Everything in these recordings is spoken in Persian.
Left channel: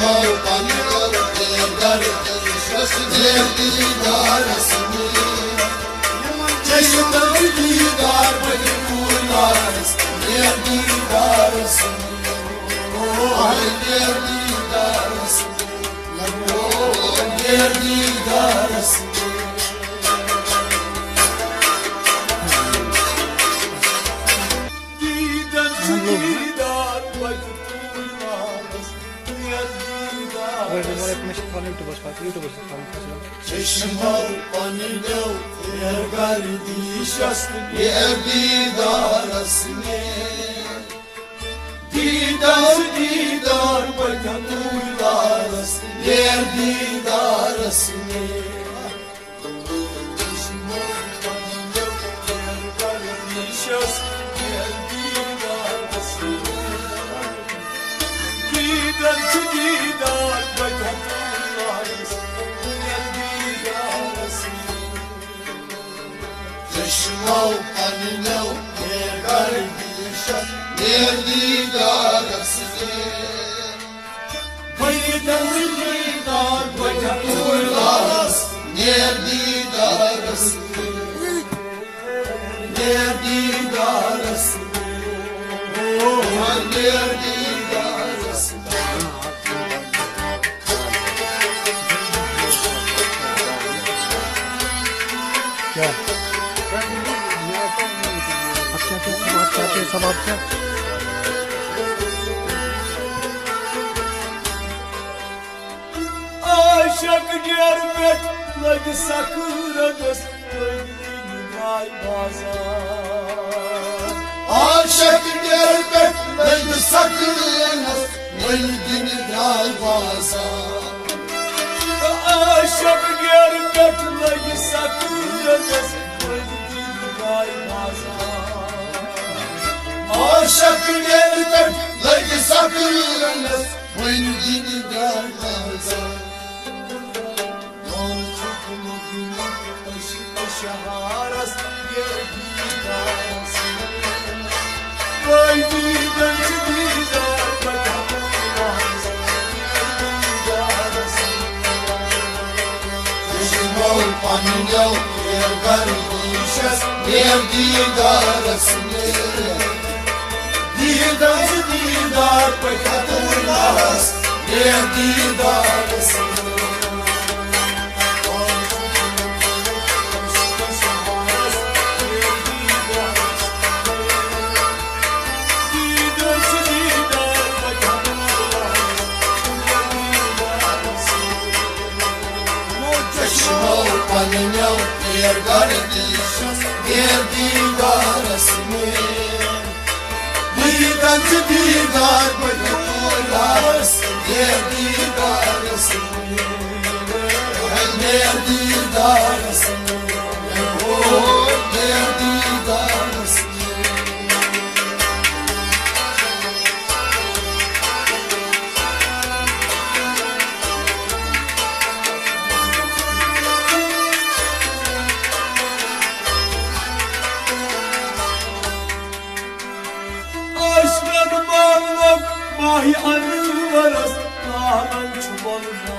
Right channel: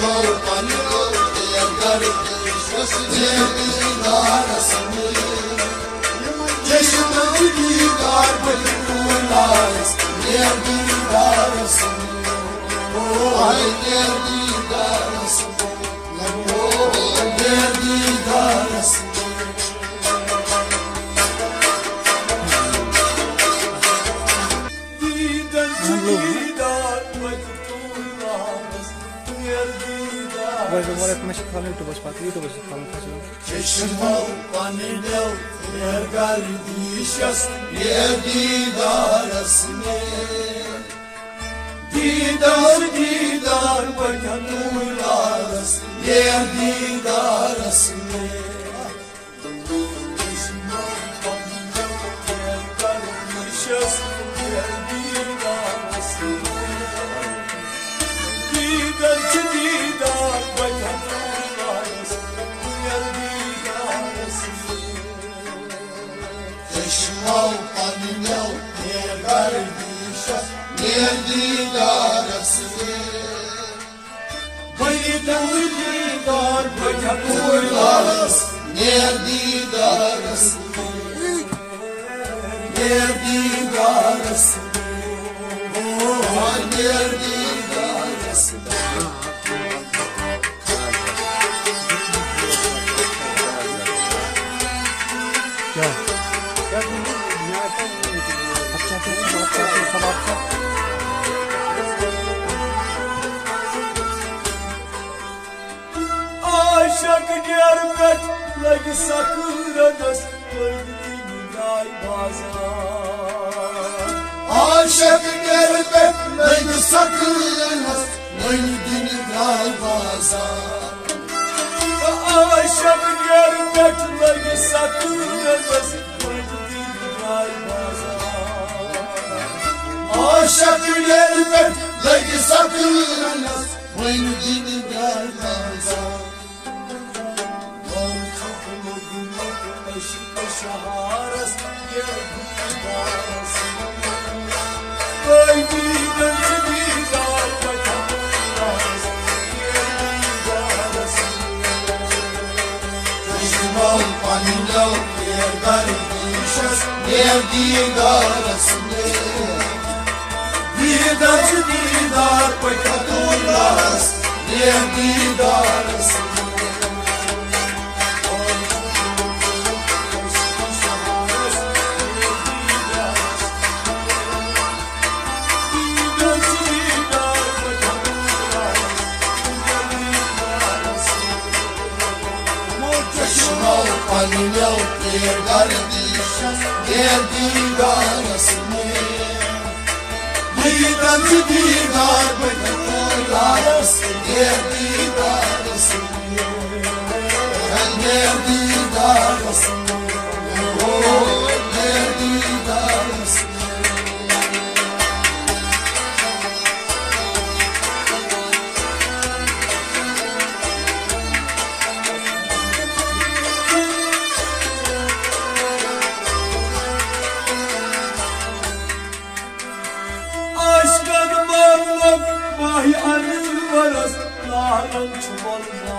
چشماو قانیلو ارگل دیشست دیدار اسمی دیدار بکن اولارس دیدار اسمی چشماو قانیلو ارگل دیشست دیدار اسمی دیدار بکن چشماو قانیلو ارگل دیشست دیدار اسمی دیدار بکن اولارس دیدار اسمی دیدار اسمی دیدار اسمی Aşık diyarbet lagi sakıradas Ay bazar Aşık diyarbet lagi sakıradas Ay bazar Aşık diyarbet lagi sakıradas Ay bazar Aşık diyarbet lagi sakıradas Ay bazar شهارس چشماو قانیلو ارگل دیشست دیدار اسمی دیدار بکن اولارس دیدار اسمی قانیلو ارگل دیشست دیدار اسمی دیدار بکن اولارس دیدار اسمی دیدار اسمی دیدار اسمی Aşkın bağlam vay arıvaras Lağın çuvalına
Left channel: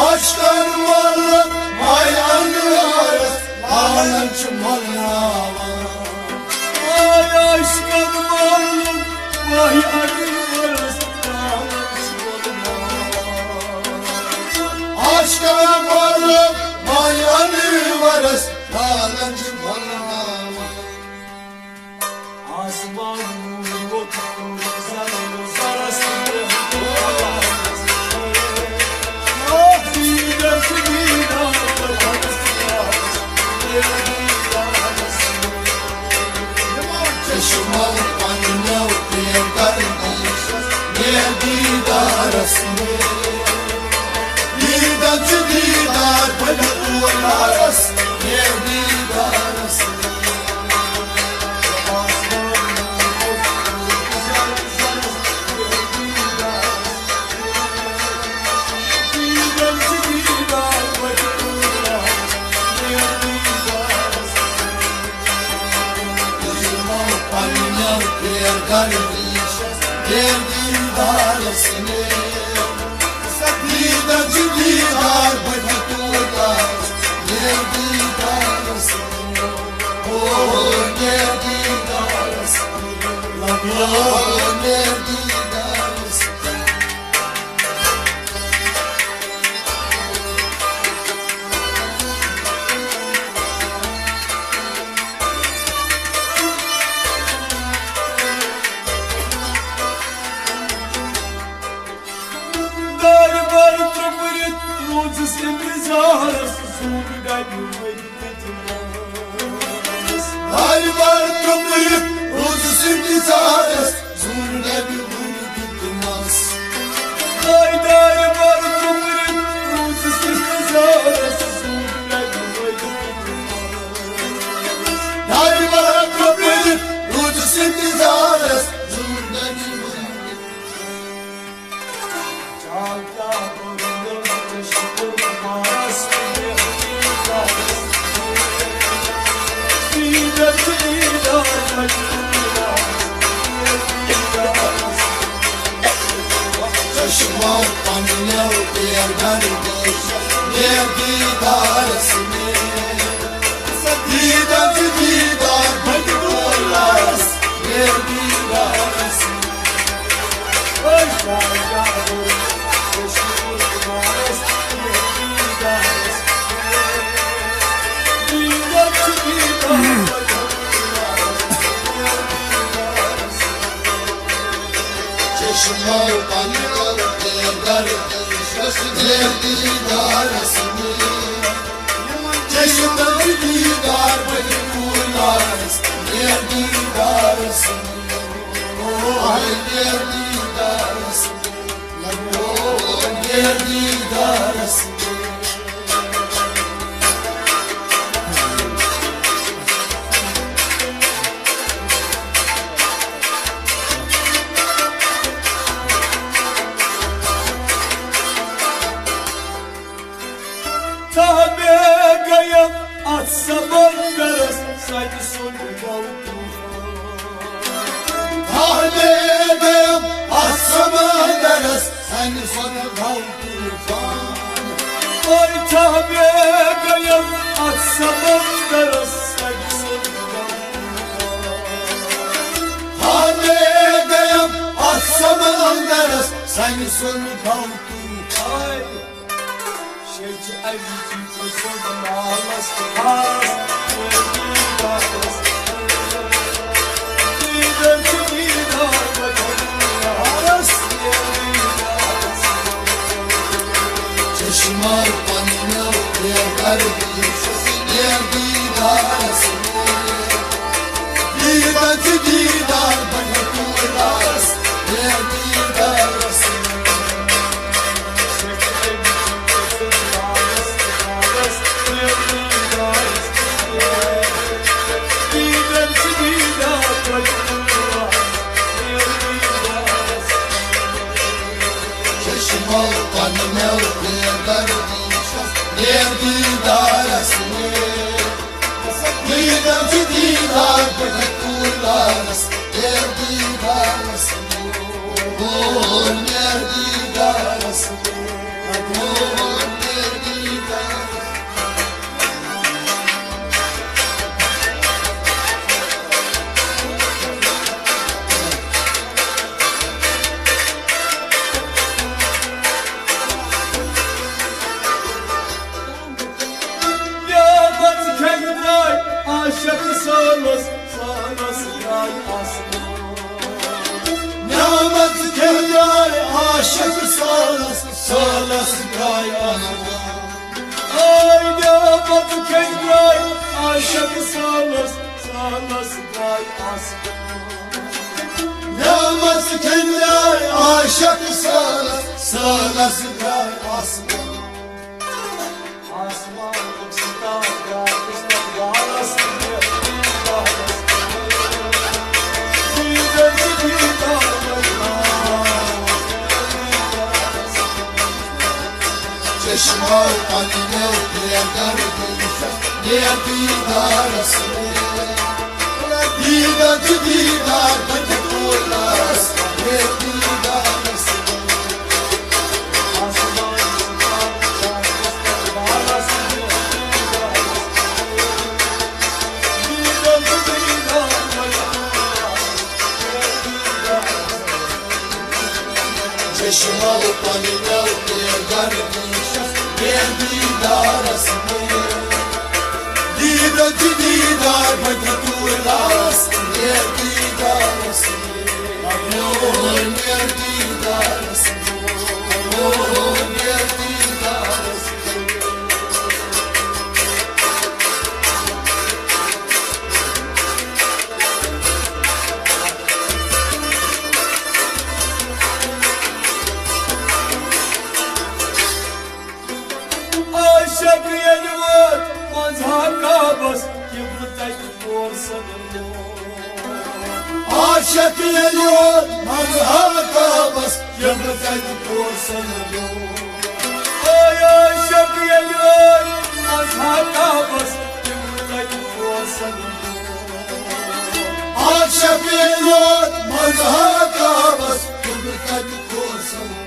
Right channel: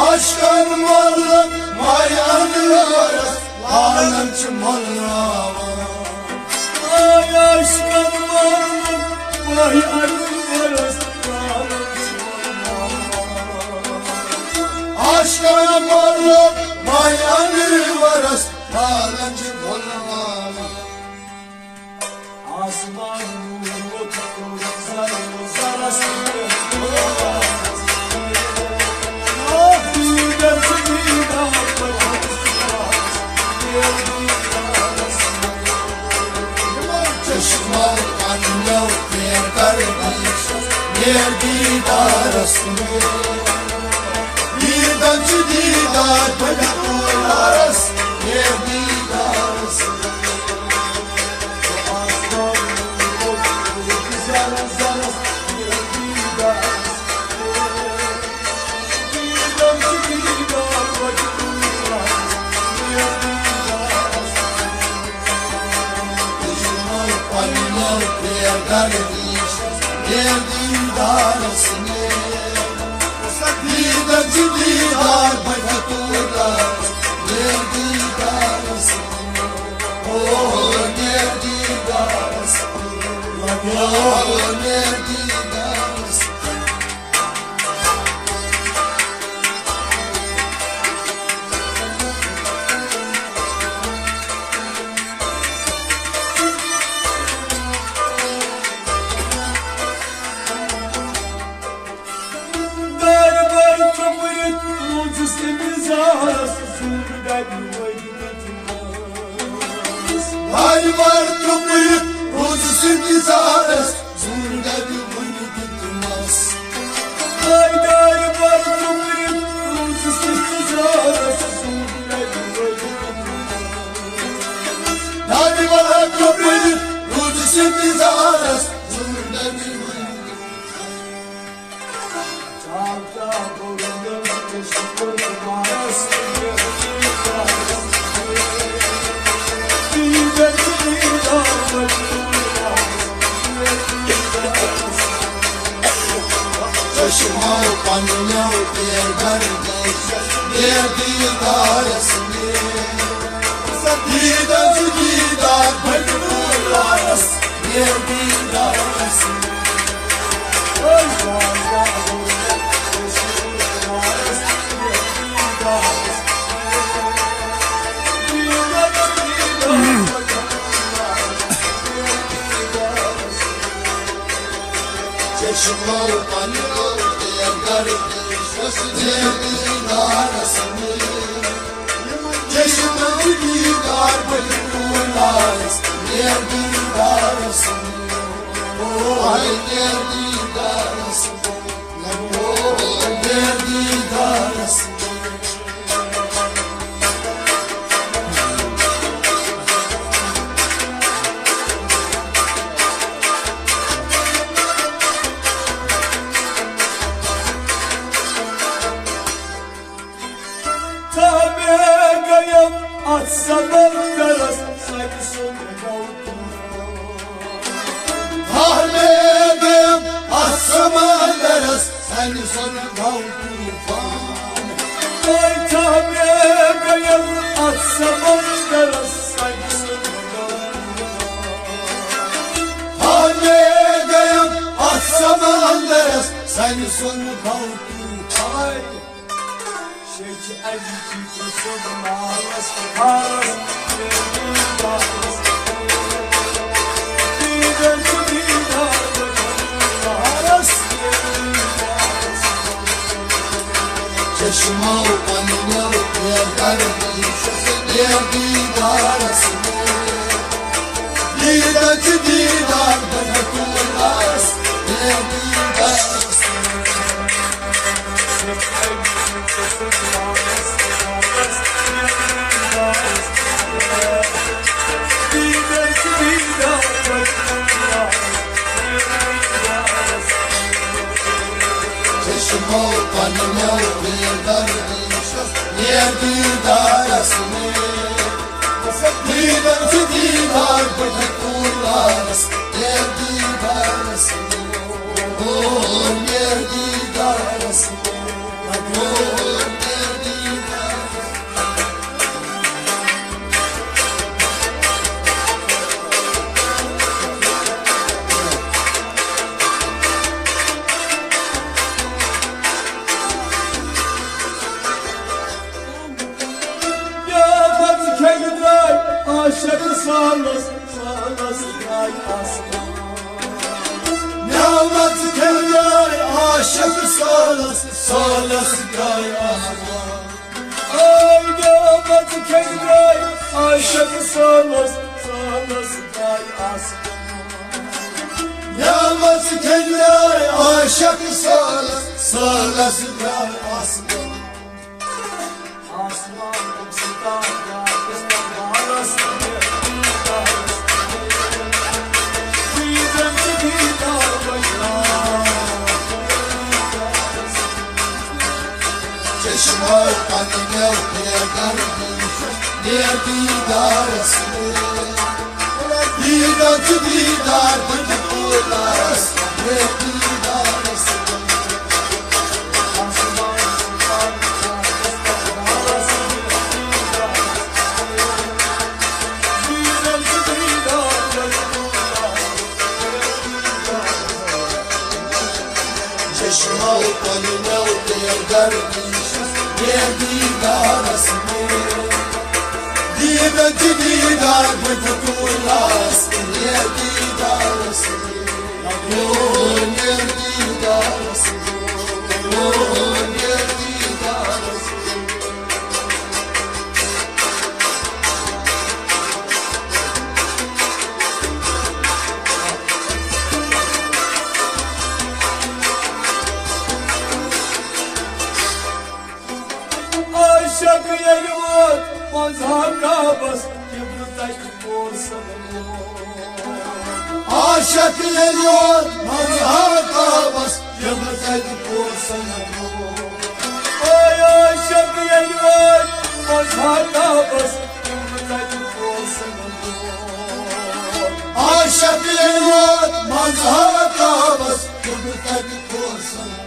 Aşkın bağlam vay arıvaras Lağın çuvalına Ay aşkın bağlam vay arıvaras Lağın çuvalına Aşkın bağlam vay arıvaras Lağın çuvalına Asmanın otur zarasını Ah giderse gider Çeşmal anlav yer kardeşiz Yer didar aslı Didar bana uğraras Yer didar aslı didarasını Didacı didar bırakırlar Ne didarasını Oh ne didarasını Oh ne didarasını Ay var köpüğü, ucu sürpriz ağrız, zurna bir bunu gitmez. Ay var köpüğü, ucu sürpriz ağrız, zurna bir bunu gitmez. Ay var köpüğü, ucu sürpriz ağrız, zurna bir bunu gitmez. Çalda boyunum, düştüm ağrız, Taşıma pandina diğer berde diğer didarasını Didacı didar bırakırlar diğer didarasını Çeşme utanıyor diğer diğer didarasını Çeşme didar bırakırlar diğer didarasını Ay diğer didarasını Oh diğer didarasını Tabegayım atsam ondaras sanki sonra kaldım. Tabegayım atsam ondaras sanki sonra kaldım. Ay tabegayım atsam ondaras sanki sonra kaldım. Tabegayım atsam ondaras sanki sonra kaldım. Ay I need you to say the last Çeşme utanıyor diğer didarasını Didacı didar bırakırlar diğer didarasını Çeşme utanıyor diğer didarasını Didacı didar bırakırlar diğer didarasını Oh diğer didarasını Oh diğer didarasını Aşık sarlas, sarlas ay aslan. Nâmet keller aşık sarlas, sarlas ay aslan. Ay nâmet keller aşık sarlas, sarlas ay aslan. Nâmet keller aşık sarlas, sarlas ay aslan. Aslan uçta Çeşme utanıyor diğer didarasını Didacı didar bırakırlar چشما و قلنا و دیگر یه دیدار است دیدن چی دیدار باید طول است یه دیدار است یه دیدار است یه دیدار است عاشق یلوت مزهقا بس يبرتك فرصة عاشق یلوت مزهقا بس يبرتك فرصة عاشق یلوت مزهقا بس يبرتك فرصة عاشق یلوت مزهقا بس يبرتك فرصة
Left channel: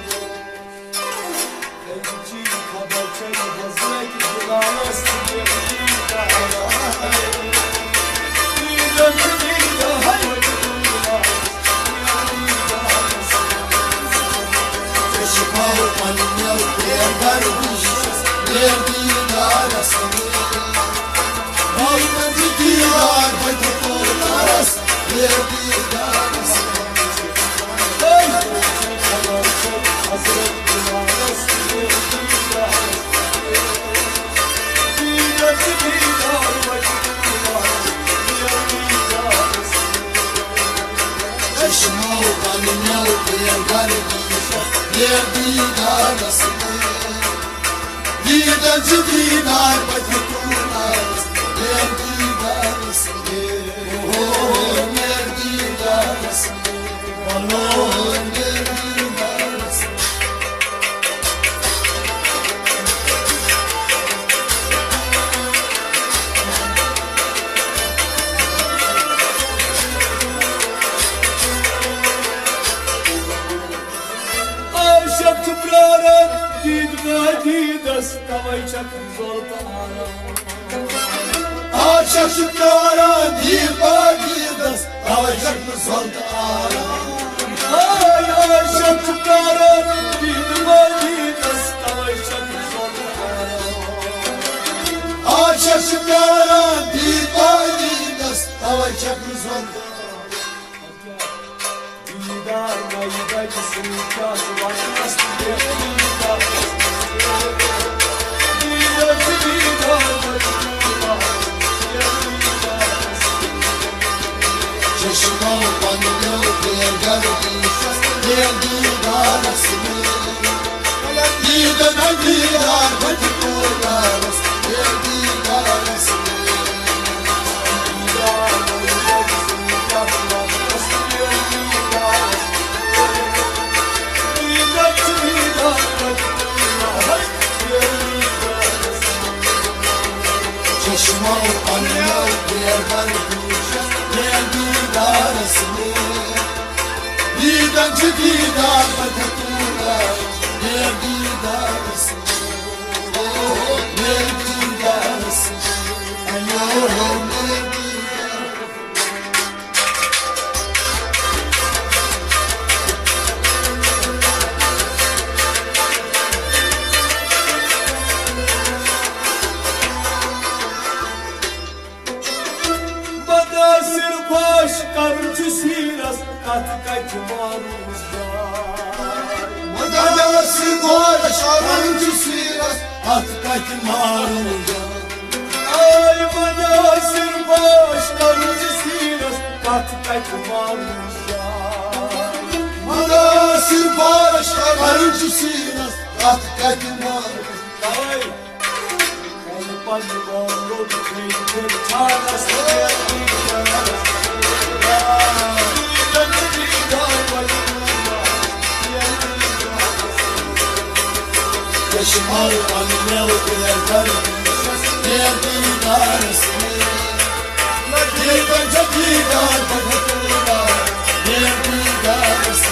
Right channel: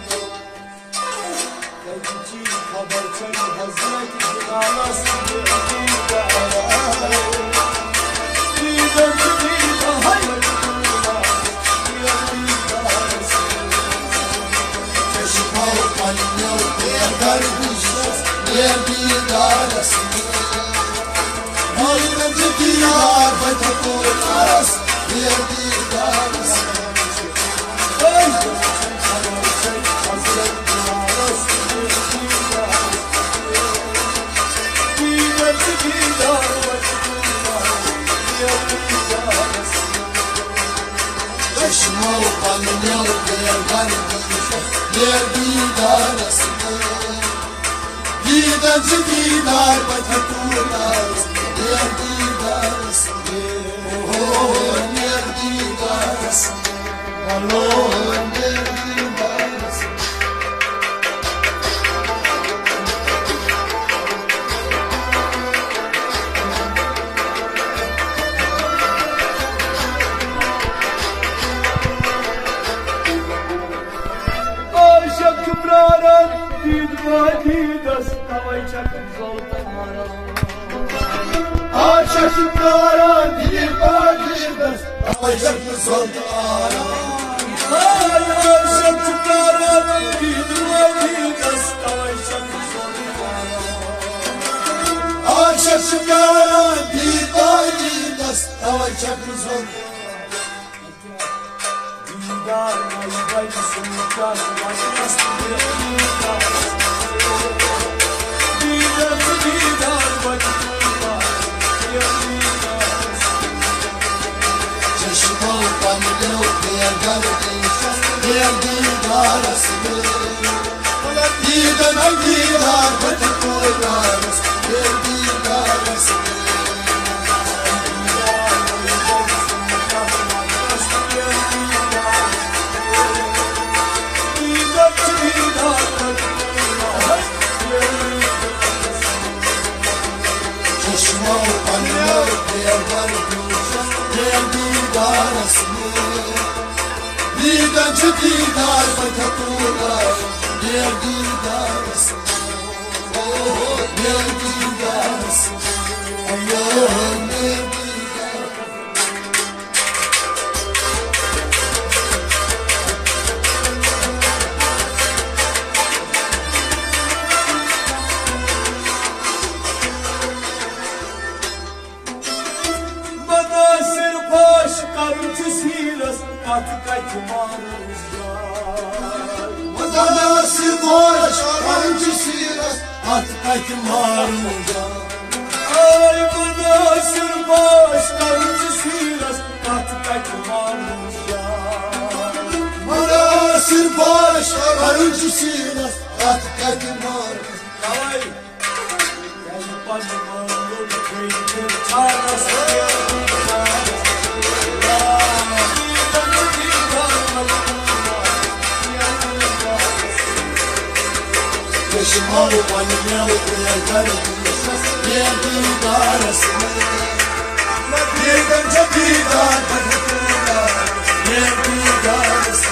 دیدن چی دیدار باید طول است یه دیدار است یه دیدار است یه دیدار است عاشق تبرارا دید و دید است تویچک زلط عاشق شکارا دید و دید است تویچک زلط ay عاشق تبرارا دید و دید است تویچک زلط عاشق شکارا دید و دید است تویچک زلط دیدار نایبای سوچاس واشتاس دیدار دیدار دیدار چشما و قلنا و دیگر یه دیدار است دیدن دیدار باید طول است یه دیدار است چشما و قلنا و دیگر یه دیدار است دیدن چی دیدار باید طول است یه دیدار است یه دیدار است یه دیدار Madası koş, kancısıyla hattaki maruca. Ay madası baş kancısıyla hattaki maruca. Madası koş, kancısıyla hattaki maruca. Ay kalpani maruca keyifli çağrısı. چشما و قلنا و دیگر یه دیدار است دیدن چه دیدار باید طول است یه دیدار است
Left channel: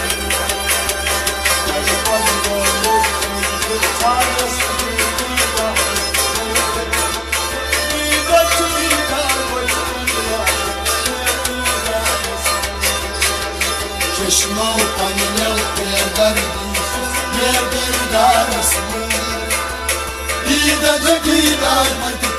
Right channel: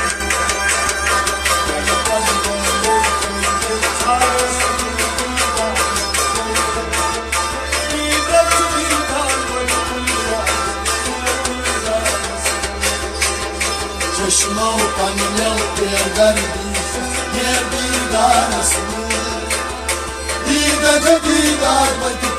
Nerede darısın? Bir de gider